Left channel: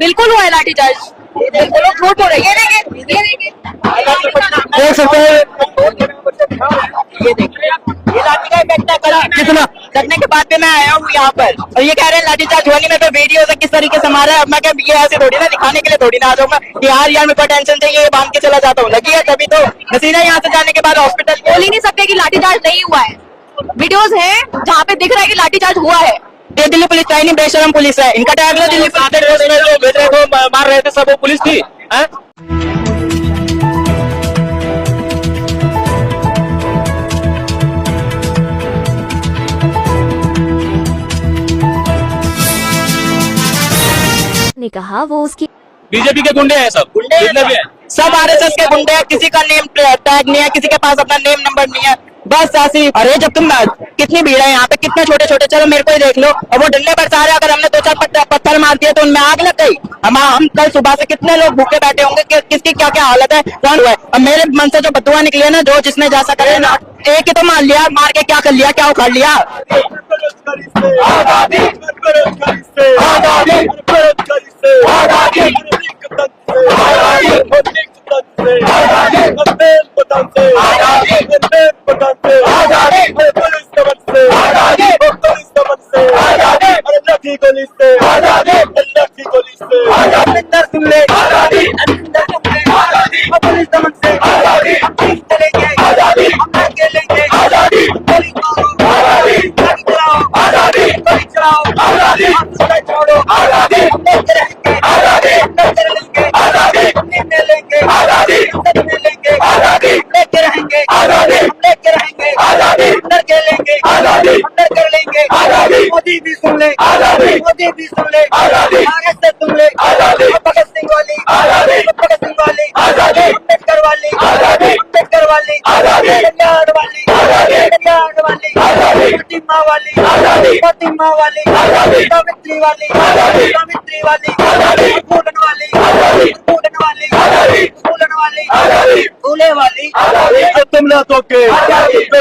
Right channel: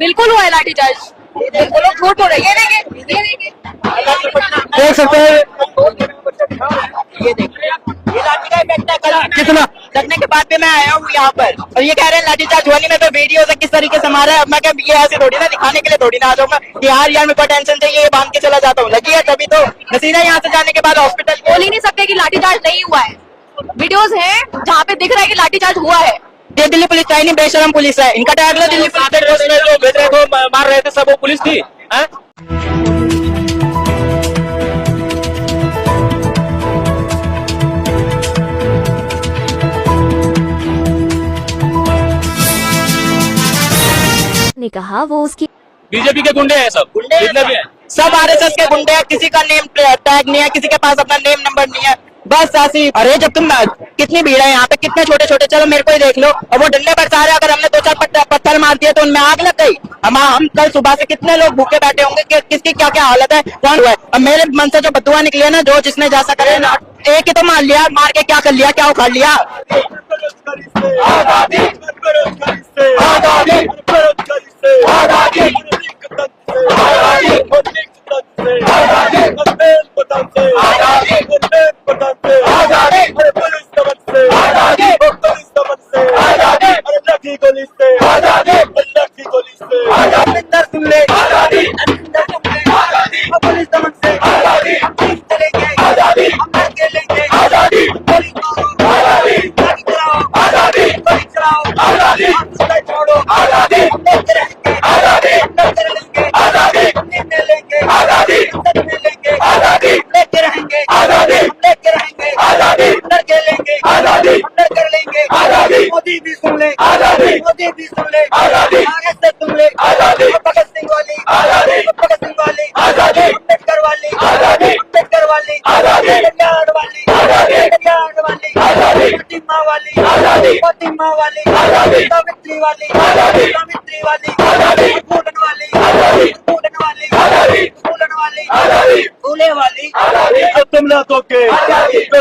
बिल्कुल हुआ है लाठीचार्ज, बिल्कुल लोग झूठ बोल रहे हैं। ये लाठी का इफेक्ट करा करने के बाद भी मैं आया हूँ यहाँ पर, और ये कह रहे हैं लाठीचार्ज हुआ नहीं। मैं वीडियो से किस तरीके से मारा है, अब मैं ये ऐसे थोड़ी ना दिखाने के लिए थोड़ी ना आ जाऊंगा कि यार मेरे को टेंशन चाहिए, बांध के चला जाता हूँ। लगी है तभी तो नसीना यहाँ से जाने के बाद हॉस्पिटल बोल ही नहीं सकते कि लाठीचार्ज नहीं हुआ है। वीडियोस हैं जहाँ पे दिख रहा है कि लाठीचार्ज हुआ है। ये दिल्ली पुलिस चाहिए नहीं, बेशरम पुलिस है इनका टैग लो। दिल्ली मार रहे थे सब वो पुलिस थी। ने कहा वो उसकी बीजेपी के गुंडे हैं सब, जितने भी हैं सब आरएसएस के गुंडे हैं, किसी का नेम टैग नहीं है, किसी के पास अपना नेम नंबर नहीं है, बस ऐसी। अरे जब तुम कितनी भीड़ है यहाँ पे, कितने छोटे छोटे, चलो मेरे को ही देख लो। और वो डंडे बरसा रहे, अगर हमने 2-4 पत्थर मार दिए तो उनमें आग लग गई। हम कल सुबह से कितने लोग भूखे बैठे होंगे कि किसकी क्या क्या हालत है। अब मेरे मन से जो बदुआ निकली है ना, जो जिसने जैसा करे ना, एक ही तो मान लिया, मार के क्या कर लिया, क्या उखाड़ लिया। मोदी भी सुन ले, मोदी भी सुन ले, कांग्रेस से सुन ले, भगत सिंह वाली, अम्बेडकर वाली, अम्बेडकर वाली, पंजाब वाली, फातिमा वाली, फातिमा वाली, सावित्री वाली, सावित्री वाली, स्टूडेंट वाली, स्टूडेंट वाली, स्टूडेंट वाली, फूले वाली। तुम ना तोके,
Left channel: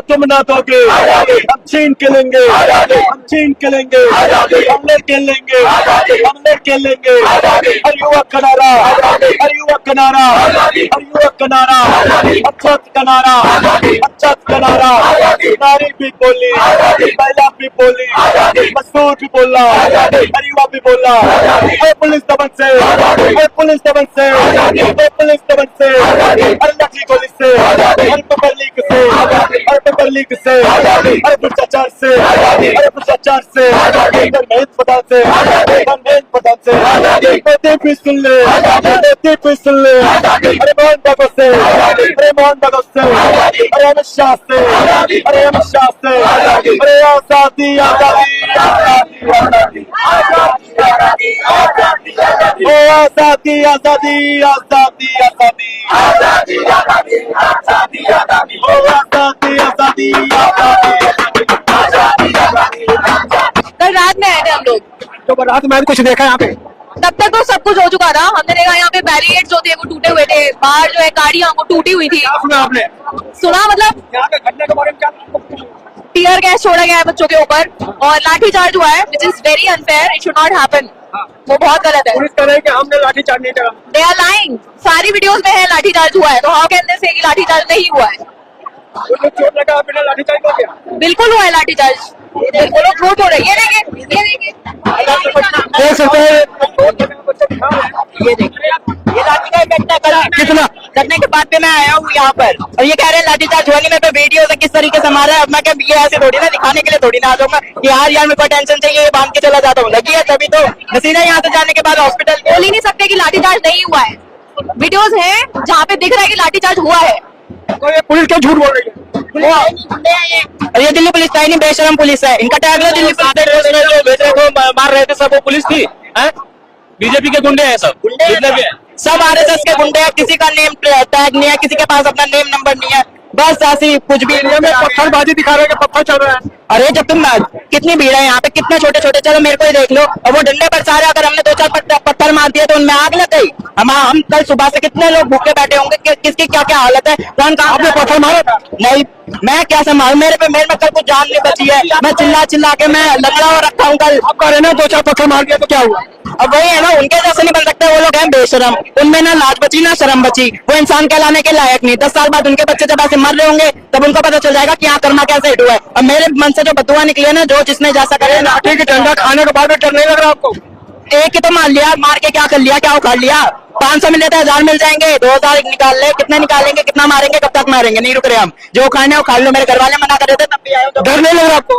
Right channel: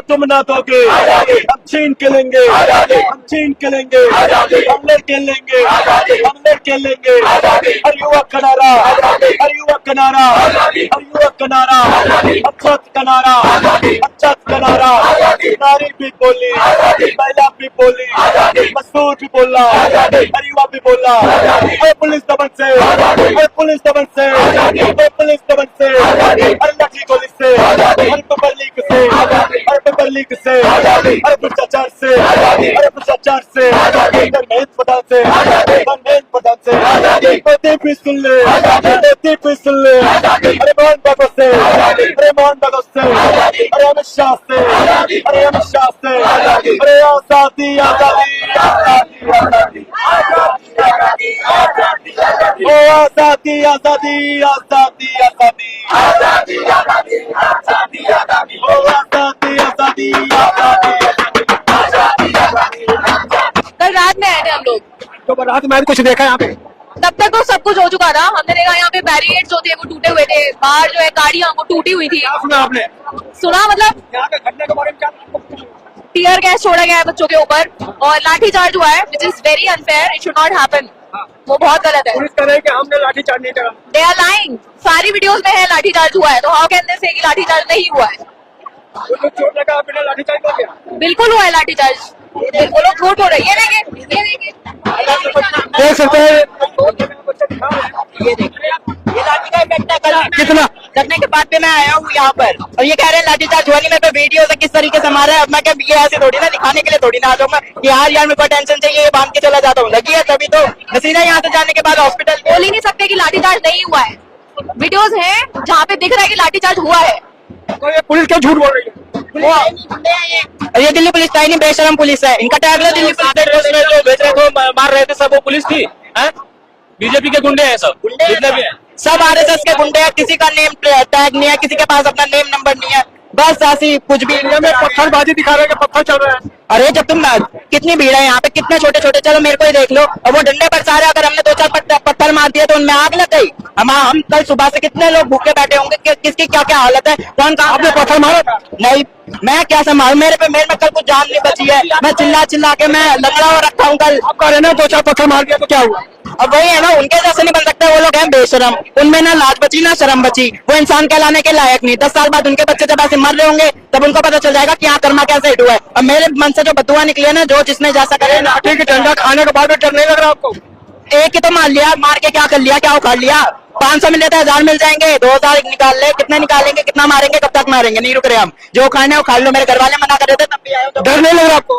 तुम ना तोके, हम छीन के लेंगे, हम छीन के लेंगे, हमने के लेंगे, हमने के लेंगे। युवा कनारा, युवा कनारा, युवा कनारा, अच्छा कनारा, अच्छा कनारा। नारी भी बोली, महिला भी बोली, मजदूर भी बोला, युवा भी बोला। ये पुलिस दमन से, ये पुलिस दमन से, ये पुलिस दमन से, अल्लाह की गोली से, हर पब्लिक से, हर पब्लिक से, हर भ्रष्टाचार से, हर भ्रष्टाचार से, मेहनत पदार्थ से, मेहनत पदार्थ से। मोदी भी सुन ले, मोदी भी सुन ले, अरे मोहन भगत से, अरे मोहन भगत से, अरे अमित शाह से, अरे अमित शाह से, अरे आजादी आजादी आजादी आजादी आजादी आजादी आजादी आजादी आजादी आजादी आजादी आजादी आजादी आजादी आजादी आजादी। कल रात में आए थे हम लोग, तो रात में कुछ देखा यहाँ पे? तब तक तो सब कुछ हो चुका था। हमने देखा यहाँ पे बैरिकेड जो थे वो टूटे हुए थे, बाहर जो है गाड़ियां वो टूटी हुई थी। सुना आपने? सुना मतलब यहाँ के घटने के बारे में क्या? टीयर गैस छोड़ा गया है बच्चों के ऊपर और लाठीचार्ज हुआ है, which is very unfair, it should not happen. वो बहुत गलत है। पुलिस कह रही है कि हमने लाठीचार्ज नहीं करा। दे आर लाइंग, सारी वीडियोस में है लाठीचार्ज हुआ है, तो हाउ कैन दे से कि लाठीचार्ज नहीं हुआ है। छोड़ने का बिना लाठीचार्ज हो गया? बिल्कुल हुआ है लाठीचार्ज, बिल्कुल लोग झूठ बोल रहे हैं। ये देखिए, ये लाठी का इफेक्ट करा करने के बाद भी मैं आया हूँ यहाँ पर, और ये कह रहे हैं लाठीचार्ज हुआ नहीं। मैं वीडियो से किस तरीके से मारा है, अब मैं ये ऐसे थोड़ी ना दिखाने के लिए थोड़ी ना आ जाऊंगा कि यार मेरे को टेंशन चाहिए, बांध के चला जाता हूँ। लगी है तभी तो नसीना यहाँ से जाने के बाद हॉस्पिटल बोल ही नहीं सकते कि लाठीचार्ज नहीं हुआ है। वीडियोस हैं जहाँ पे दिख रहा है कि लाठीचार्ज हुआ है। पुलिस क्या झूठ बोल रही है? ये दिल्ली पुलिस चाहिए नहीं, बेशरम पुलिस है इनका टैग लो। दिल्ली मार रहे थे सब वो पुलिस थी। बीजेपी के गुंडे हैं सब, जितने भी हैं सब आरएसएस के गुंडे हैं, किसी का नेम टैग नहीं है, किसी के पास अपना नेम नंबर नहीं है, बस ऐसी कुछ भी। पत्थरबाजी दिखा रहे हैं, पत्थर चल रहा है। अरे जब तुम कितनी भीड़ है यहाँ पे, कितने छोटे छोटे, चलो मेरे को ही देख लो। और वो डंडे बरसा रहे, अगर हमने 2-4 पत्थर मार दिए तो उनमें आग लग गई। हम कल सुबह से कितने लोग भूखे बैठे होंगे, किसकी क्या क्या हालत है। कौन कहाँ पे पत्थर मारा था? नहीं, मैं क्या संभाल, मेरे में कल कुछ जान नहीं बची है। मैं चिल्ला के मैं लंगड़ा हुआ रखा हूँ। कल आपका रहने 2-4 पत्थर मार दिया तो क्या हुआ? अब वही है ना, उनके जैसे नहीं बन सकते। वो लोग हैं बेशरम, उनमें ना लाज बची ना शर्म बची। वो इंसान कहलाने के लायक नहीं। 10 साल बाद उनके बच्चे जब ऐसे मर रहे होंगे तब उनको पता चल जाएगा कि यहाँ कर्मा कैसे हिट हुआ है। अब मेरे मन से जो बदुआ निकली है ना, जो जिसने जैसा करे ना, ठीक है, डंडा खाने के बाद में डर नहीं लग रहा आपको? एक ही तो मार लिया, मार के क्या कर लिया, क्या उखाड़ लिया। 500 मिले तो 1000 मिल जाएंगे, 2000 निकाल ले। कितने निकालेंगे, कितना मारेंगे, कब तक मारेंगे? नहीं रुक रहे हम। जो खाने उखाड़ ले। मेरे घर वाले मना कर रहे थे तब भी आए। तो डर नहीं लग रहा आपको?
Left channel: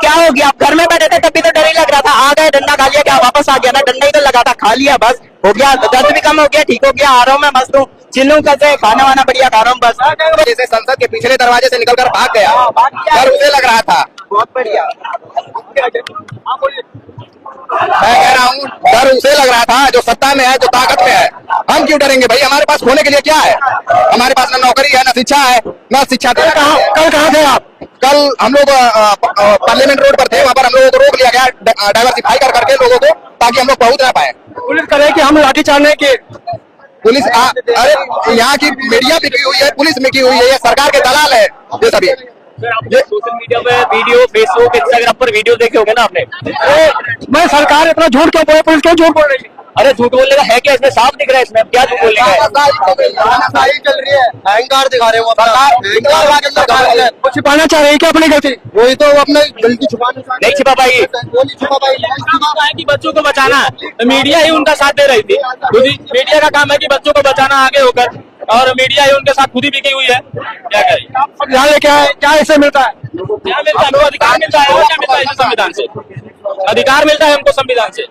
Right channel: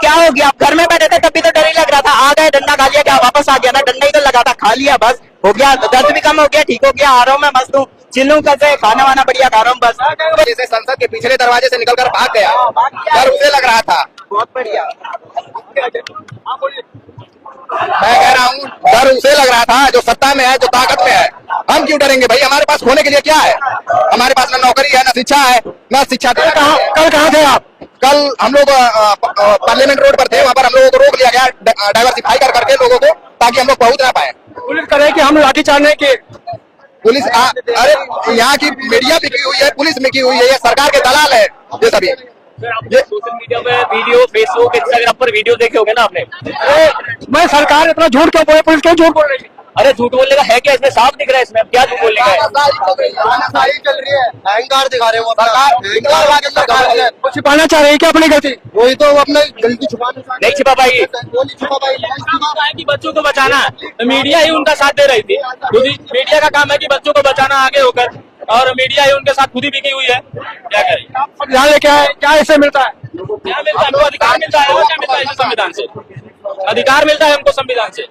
क्या हो गया? आप घर में बैठे थे तब भी तो डर ही लग रहा था। आ गए, डंडा खा लिया, क्या वापस आ गया? मैं डंडा ही तो लगा था, खा लिया, बस हो गया। दर्द भी कम हो गया, ठीक हो गया। आ रहा हूँ मैं, मस्त हूँ, चिल्लू कैसे, खाना वाना बढ़िया खा रहा हूँ बस। जैसे संसद के पिछले दरवाजे से निकलकर भाग गया, डर उसे लग रहा था। बहुत बढ़िया। मैं कह रहा हूँ डर उसे लग रहा था जो सत्ता में है, जो ताकत में है। हम क्यों डरेंगे भाई? हमारे पास खोने के लिए क्या है? हमारे पास न नौकरी है, न शिक्षा है, न शिक्षा। कल कहाँ थे आप? कल हम लोग पार्लियामेंट रोड पर थे। वहाँ पर हम लोगों को रोक लिया गया डाइवर्सिफाई करके लोगों को, ताकि हम लोग पहुंच ना पाए। पुलिस कह रहे हैं कि हम लाठीचार्ज नहीं किए। पुलिस अरे यहाँ की मीडिया भी की हुई है, पुलिस में की हुई है, ये सरकार के दलाल है ये सभी। ये सोशल मीडिया पे वीडियो, फेसबुक, इंस्टाग्राम पर वीडियो देखे होंगे ना आपने। मैं सरकार इतना झूठ क्यों बोले, पुलिस क्यों झूठ बोल रही है? अरे झूठ बोलने का है क्या इसमें? साफ दिख रहा है इसमें, क्या झूठ बोलने का है? चल रही है, अहंकार दिखा रहे हो। छिपाना चाह रहे हैं क्या अपनी गलती? वही तो अपने गलती छुपाने नहीं छिपा पाएगी। कि बच्चों को बचाना, मीडिया ही उनका साथ दे रही थी। खुद ही मीडिया का काम है कि बच्चों को बचाना आगे होकर, और मीडिया ही उनके साथ खुद ही बिकी हुई है। क्या करें? क्या है, क्या ऐसे मिलता है? क्या मिलता है? हमको अधिकार मिलता है। और क्या मिलता है? संविधान से अधिकार मिलता है हमको, संविधान से।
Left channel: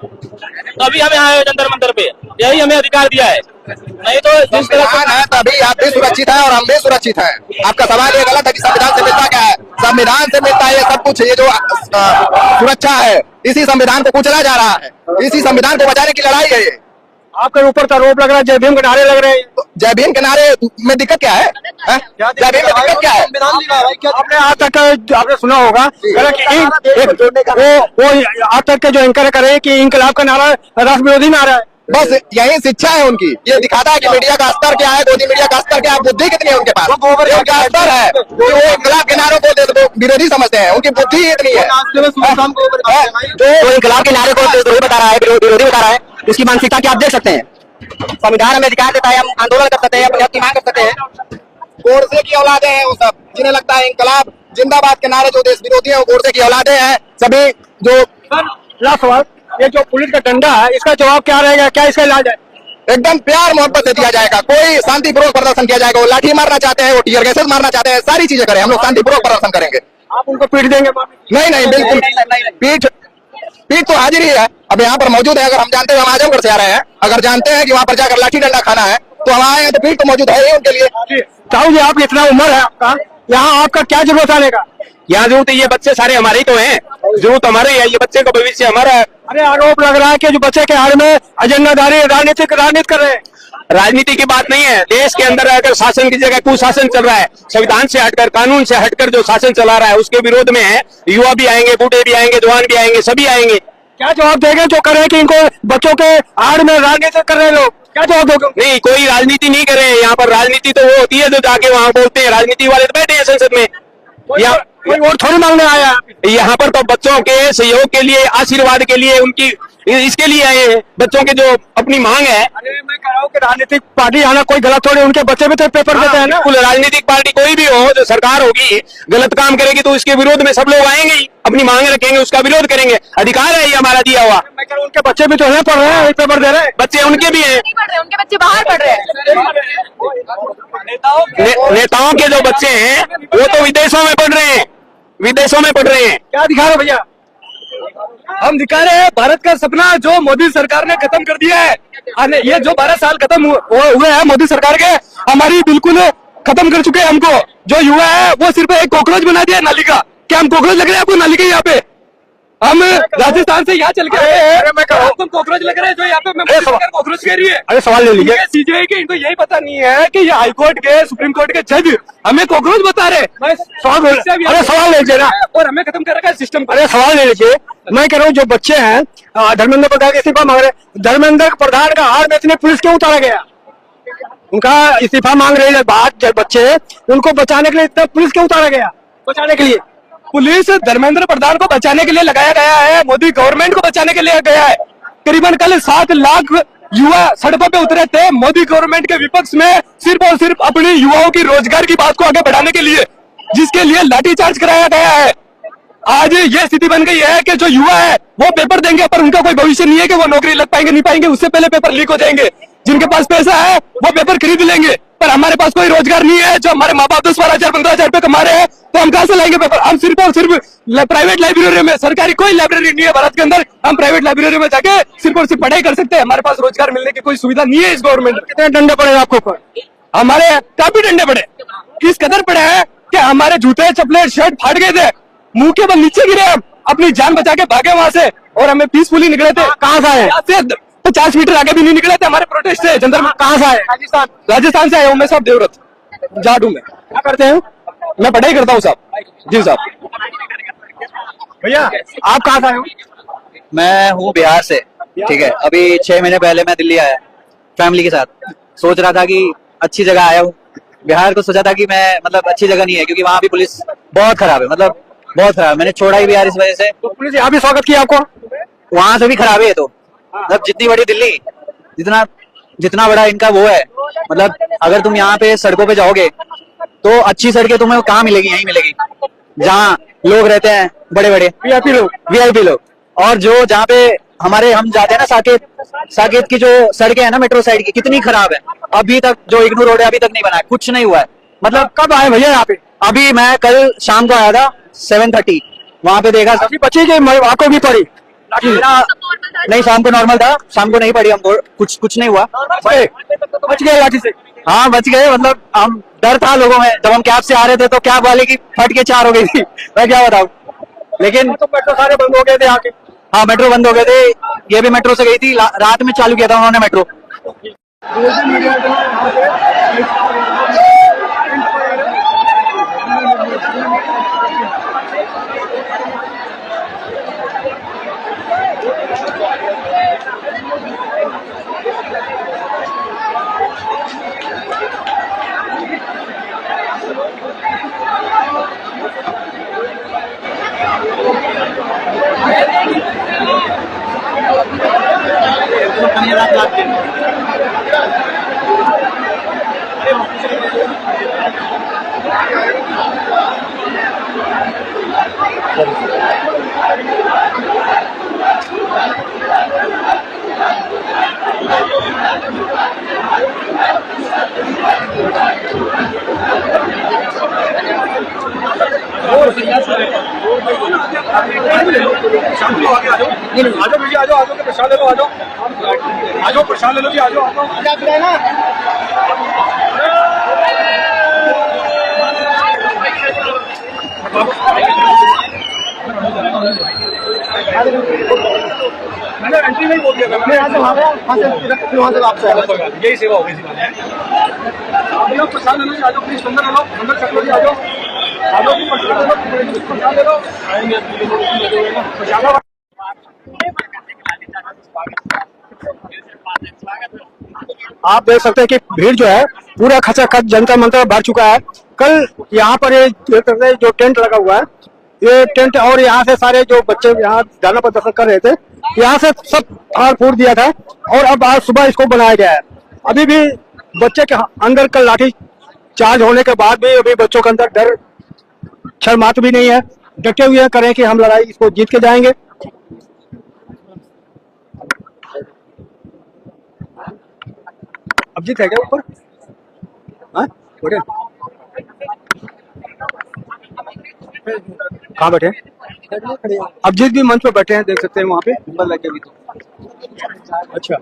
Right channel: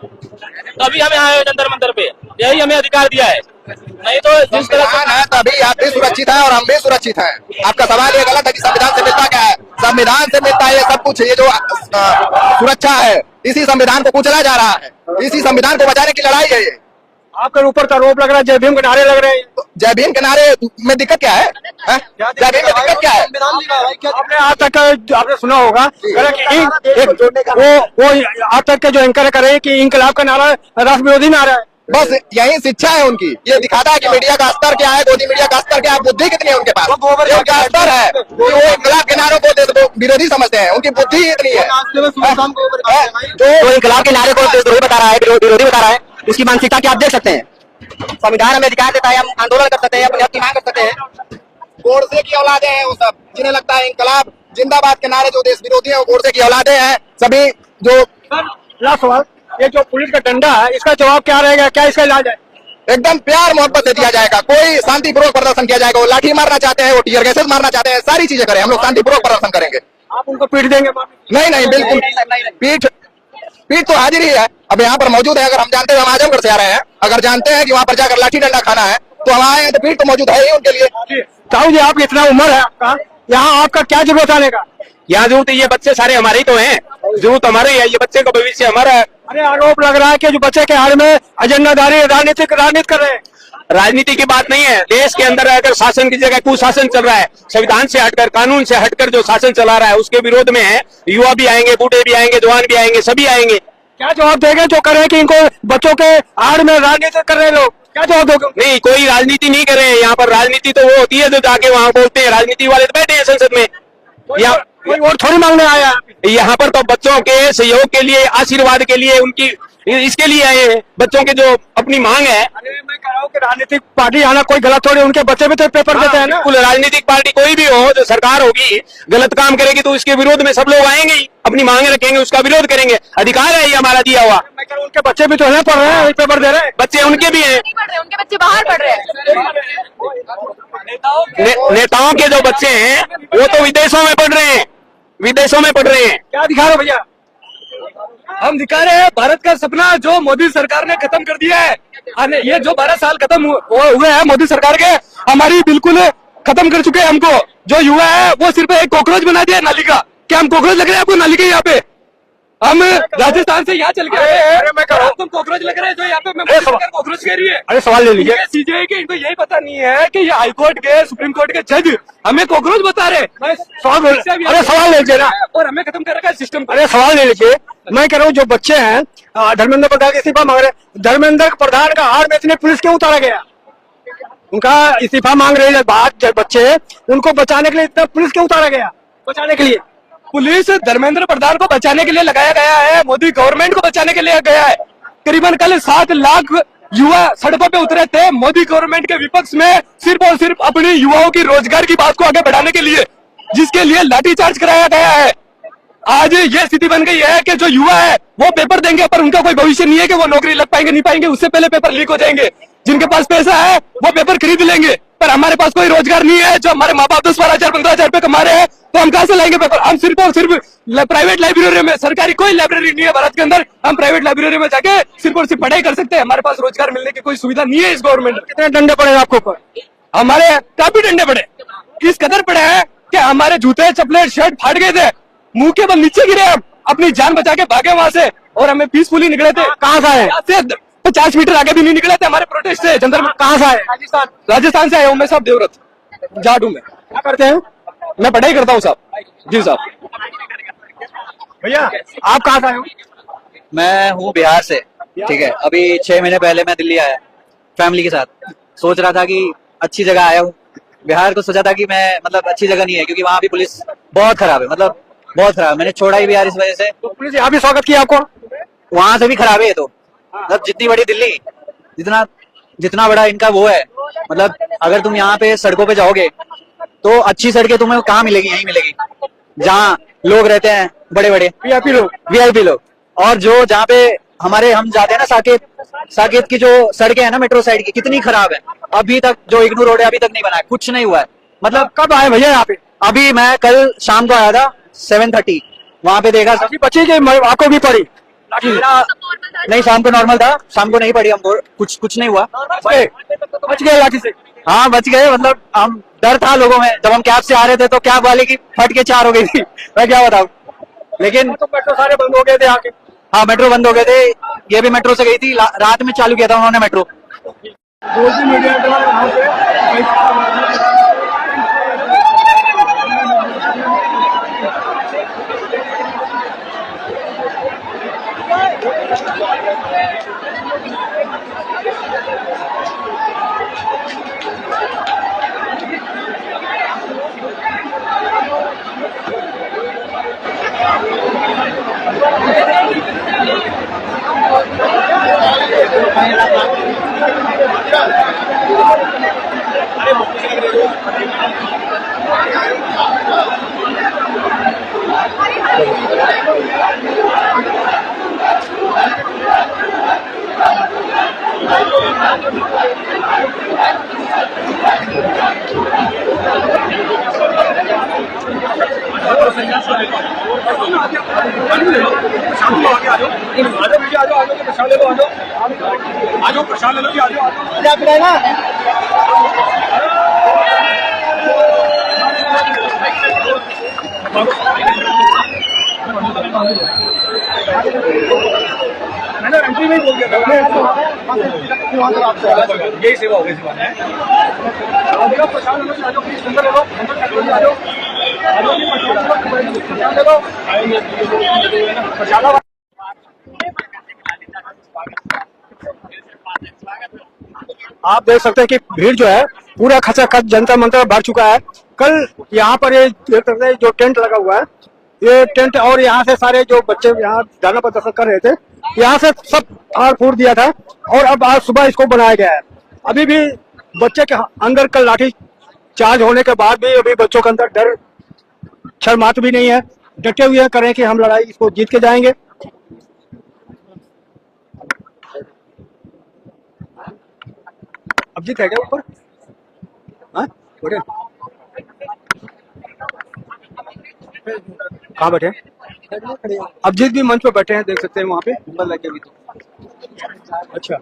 तभी हमें आए जंतर मंतर पे, यही हमें अधिकार दिया है। नहीं तो संविधान है तभी आप भी सुरक्षित है और हम भी सुरक्षित है। आपका सवाल ये गलत है कि संविधान से मिलता क्या है? संविधान से मिलता है सब कुछ। ये जो सुरक्षा है, इसी संविधान को कुचला जा रहा है, इसी संविधान को बचाने की लड़ाई है। आपके ऊपर तो आरोप लग रहा है जय भीम के नारे लग रहे हैं। जय भीम के नारे में दिक्कत क्या है? जय भीम में दिक्कत क्या है? आपने आज तक आपने सुना होगा वो आज तक के जो एंकर करे कि इंकलाब का नारा राष्ट्र विरोधी नारा है। बस यही शिक्षा है उनकी। ये दिखाता है कि मीडिया का स्तर क्या है, गोदी मीडिया का स्तर क्या है, बुद्धि कितनी है उनके पास। उनका स्तर है कि वो इंकलाब के नारों को विरोधी समझते हैं, उनकी बुद्धि इतनी है। जो इंकलाब के नारे को विरोधी बता रहा है, विरोधी बता रहा है, उसकी मानसिकता क्या आप देख सकते हैं। संविधान हमें अधिकार देता है, हम आंदोलन कर सकते हैं, अपनी हक की मांग कर सकते हैं। गोडसे की औलादे हैं वो सब, जिन्हें लगता है इंकलाब जिंदाबाद के नारे जो देश विरोधी है वो गोडसे की औलादे हैं सभी। जो ये जो पुलिस का डंडा है, इसका जवाब क्या रहेगा? क्या इसका इलाज है? एकदम प्यार मोहब्बत से दिया जाएगा। कोई शांतिपूर्वक प्रदर्शन किया जाएगा। वो लाठी मारना चाहते हैं, वो टीयर गैसेस मारना चाहते हैं, सारी चीजें करें, हम लोग शांतिपूर्वक प्रदर्शन करेंगे। आप उनको पीट देंगे? नहीं बिल्कुल पीठ तो हाजिर ही है। अब यहाँ पर मौजूद है। अगर हम जानते हैं हम आजमगढ़ से आ रहे हैं, अगर जानते हैं कि वहाँ पर जाकर लाठी डंडा खाना है तो हम आए हैं, तो पीठ तो मौजूद है उनके लिए। साहू जी, आपकी इतना उम्र है आपका, यहाँ आपका क्या जरूरत आने का? यहाँ जरूरत है, ये बच्चे सारे हमारे ही तो हैं, जरूरत हमारे है, ये बच्चे का भविष्य हमारा है। अरे आरोप लग रहा है कि जो बच्चे के हाल में एजेंडा डाले, राजनीति कर रहे हैं। राजनीति की बात नहीं है। देश के अंदर अगर शासन की जगह कुशासन चल रहा है, संविधान से हटकर, कानून से हटकर जो शासन चला रहा है, उसके विरोध में है। युवा भी आएंगे, बूढ़े भी आएंगे, जवान भी आएंगे, सभी आएंगे। क्या जवाब देंगे जो कर रहे हैं कि इनको बच्चों के आड़ में राजनीति कर रहे हैं लोग? क्या जवाब दोगे? नहीं, कोई राजनीति नहीं कर रहे हैं यहाँ पर। राजनीति तो वो होती है जो जाके वहाँ बोलते हैं। राजनीति वाले तो बैठे हैं संसद में। कोई वोट थोड़ी मांगने आया। यहाँ पर तो बच्चों के सहयोग के लिए, आशीर्वाद के लिए, उनकी इसके लिए आए हैं। बच्चों की जो अपनी मांग है। अरे मैं कह रहा हूँ कि राजनीतिक पार्टी आना कोई गलत थोड़ी, उनके बच्चे भी तो पेपर देते हैं ना। बिल्कुल, राजनीतिक पार्टी कोई भी हो, जो सरकार होगी गलत काम करेगी तो इसके विरोध में सब लोग आएंगे ही, अपनी मांग रखेंगे, उसका विरोध करेंगे। अधिकार है ये हमारा दिया हुआ। मैं कह रहा हूँ उनके बच्चे भी तो है, पढ़ रहे हैं, पेपर दे रहे हैं। बच्चे उनके भी हैं, उनके बच्चे बाहर पढ़ रहे हैं। नेताओं के जो बच्चे हैं वो तो विदेशों में पढ़ रहे हैं, विदेशों में पढ़ रहे हैं। क्या दिखा रहे हो भैया? हम दिखा रहे हैं भारत का सपना जो मोदी सरकार ने खत्म कर दिया है। हमें ये जो 12 साल खत्म हुए हैं मोदी सरकार के, हमारी बिल्कुल खत्म कर चुके हैं हमको। जो युवा है वो सिर्फ एक कॉकरोच बना दिया नाली का। क्या हम कॉकरोच लग रहे हैं आपको नाली के यहाँ पे? हम राजस्थान से यहाँ चल के आए हैं, मैं कहा तुम कॉकरोच लग रहे हैं जो यहाँ पे मैं कॉकरोच कह रही है। अरे सवाल ले लीजिए, सीजीआई के इनको यही पता नहीं है कि ये हाईकोर्ट के सुप्रीम कोर्ट के जज हमें कॉकरोच बता रहे। अरे सवाल ले लीजिए ना, और हमें खत्म कर रखा है सिस्टम। अरे सवाल ले लीजिए, मैं कह रहा हूँ जो बच्चे हैं धर्मेंद्र प्रधान इस्तीफा मांग रहे, धर्मेंद्र प्रधान का हार बेचने पुलिस क्यों उतारा गया? उनका इस्तीफा मांग रहे हैं बात बच्चे, उनको बचाने के लिए पुलिस क्यों उतारा गया? बचाने के लिए पुलिस धर्मेंद्र प्रधान को बचाने के लिए लगाया गया है, मोदी गवर्नमेंट को बचाने के लिए गया है। करीबन कल 7 लाख युवा सड़कों पे उतरे थे मोदी गवर्नमेंट के विपक्ष में, सिर्फ और सिर्फ अपने युवाओं की रोजगार की बात को आगे बढ़ाने के लिए, जिसके लिए लाठीचार्ज कराया गया है। आज ये स्थिति बन गई है कि जो युवा है वो पेपर देंगे पर उनका कोई भविष्य नहीं है कि वो नौकरी लग पाएंगे नहीं पाएंगे, उससे पहले पेपर लीक हो जाएंगे। जिनके पास पैसा है वो पेपर खरीद लेंगे, पर हमारे पास कोई रोजगार नहीं है। जो हमारे माँ बाप 10-12,000 15,000 रुपए कमा रहे हैं तो हम कहाँ से लाएंगे पेपर? हम सिर्फ और सिर्फ प्राइवेट लाइब्रेरी में, सरकारी कोई लाइब्रेरी नहीं है भारत के अंदर, हम प्राइवेट लाइब्रेरी में जाके सिर्फ और सिर्फ पढ़ाई कर सकते हैं। हमारे पास रोजगार मिलने की कोई सुविधा नहीं है इस गवर्नमेंट में। कितने डंडे पड़े आपको ऊपर? हमारे काफी डंडे पड़े, इस कदर पड़े हैं कि हमारे जूते चप्पलें शर्ट फाट गए थे, मुंह के बल नीचे गिरे, हम अपनी जान बचा के भागे वहां से, और हमें पीसफुली निकले थे। कहाँ से आए? 50 मीटर आगे भी नहीं निकले थे, हमारे प्रोटेस्ट से जनरल में। कहाँ से आए? राजस्थान से आया हूँ मैं साहब, देवरत जाडू में। क्या करते हैं? मैं पढ़ाई करता हूँ साहब। जी साहब। भैया आप कहाँ से आए हो? मैं हूँ बिहार से, ठीक है। अभी 6 महीने पहले मैं दिल्ली आया फैमिली के साथ। सोच रहा था कि अच्छी जगह आया हूँ बिहार, तो सोचा था कि मैं मतलब अच्छी जगह नहीं है, क्योंकि वहाँ भी पुलिस बहुत खराब है, मतलब बहुत खराब। मैंने छोड़ा ही बिहार इस वजह से। तो पुलिस यहाँ भी स्वागत किया आपको? वहां से भी खराब है। तो मतलब जितनी बड़ी दिल्ली, जितना बड़ा इनका वो है, मतलब अगर तुम यहाँ पे सड़कों पे जाओगे तो अच्छी सड़कें तुम्हें कहाँ मिलेगी? यहीं मिलेगी जहाँ लोग रहते हैं, बड़े बड़े वीआईपी लोग। और जो जहाँ पे हम जाते हैं ना, साकेत की जो सड़कें है ना मेट्रो साइड की, कितनी खराब है। अभी तक जो इग्नोर रोड है अभी तक नहीं बना है, कुछ नहीं हुआ है। मतलब कब आए भैया यहाँ पे? अभी मैं कल शाम को आया था 7:30, वहां पे देखा बच्चे के आपको भी पड़ी? नहीं, शाम को नॉर्मल था, शाम को नहीं पड़ी हमको, कुछ नहीं हुआ। बच गए लाठी से? हाँ बच गए, मतलब हम डर था लोगों में। जब हम कैब से आ रहे थे तो कैब वाले की फट के 4 हो गई थी, मैं क्या बताऊँ। लेकिन तो मेट्रो सारे बंद हो गए थे आके? हाँ मेट्रो बंद हो गए थे, ये भी मेट्रो से गई थी, रात में चालू किया था उन्होंने मेट्रो। प्रसाद ले लो जी, आ जाओ। मैंने एंट्री नहीं बोल दिया था, यही सेवा हो गई थी। प्रसाद ले लो जी, आ जाओ प्लीज, अंदर ले लो, अंदर चल लो जी, आ जाओ प्रसाद ले लो। आप देख सकते हैं कि भीड़ जो है पूरा खचाखच जनता मंता भर चुका है। कल यहाँ पर जो टेंट लगा हुआ है, ये टेंट, और यहाँ से सारे जो बच्चे यहाँ धरना प्रदर्शन कर रहे थे, यहाँ से सब फाड़ फूट दिया था, और अब आज सुबह इसको बनाया गया है। अभी भी बच्चे के अंदर का लाठी चार्ज होने के बाद भी अभी बच्चों के अंदर डर क्षण मात्र भी नहीं है। डटे हुए करें कि हम लड़ाई इसको जीत के जाएंगे। अब जीत है क्या ऊपर? हाँ बैठे, कहाँ बैठे? अब जिस भी मंच पर बैठे हैं देख सकते हैं वहाँ पे नंबर लग गई। अच्छा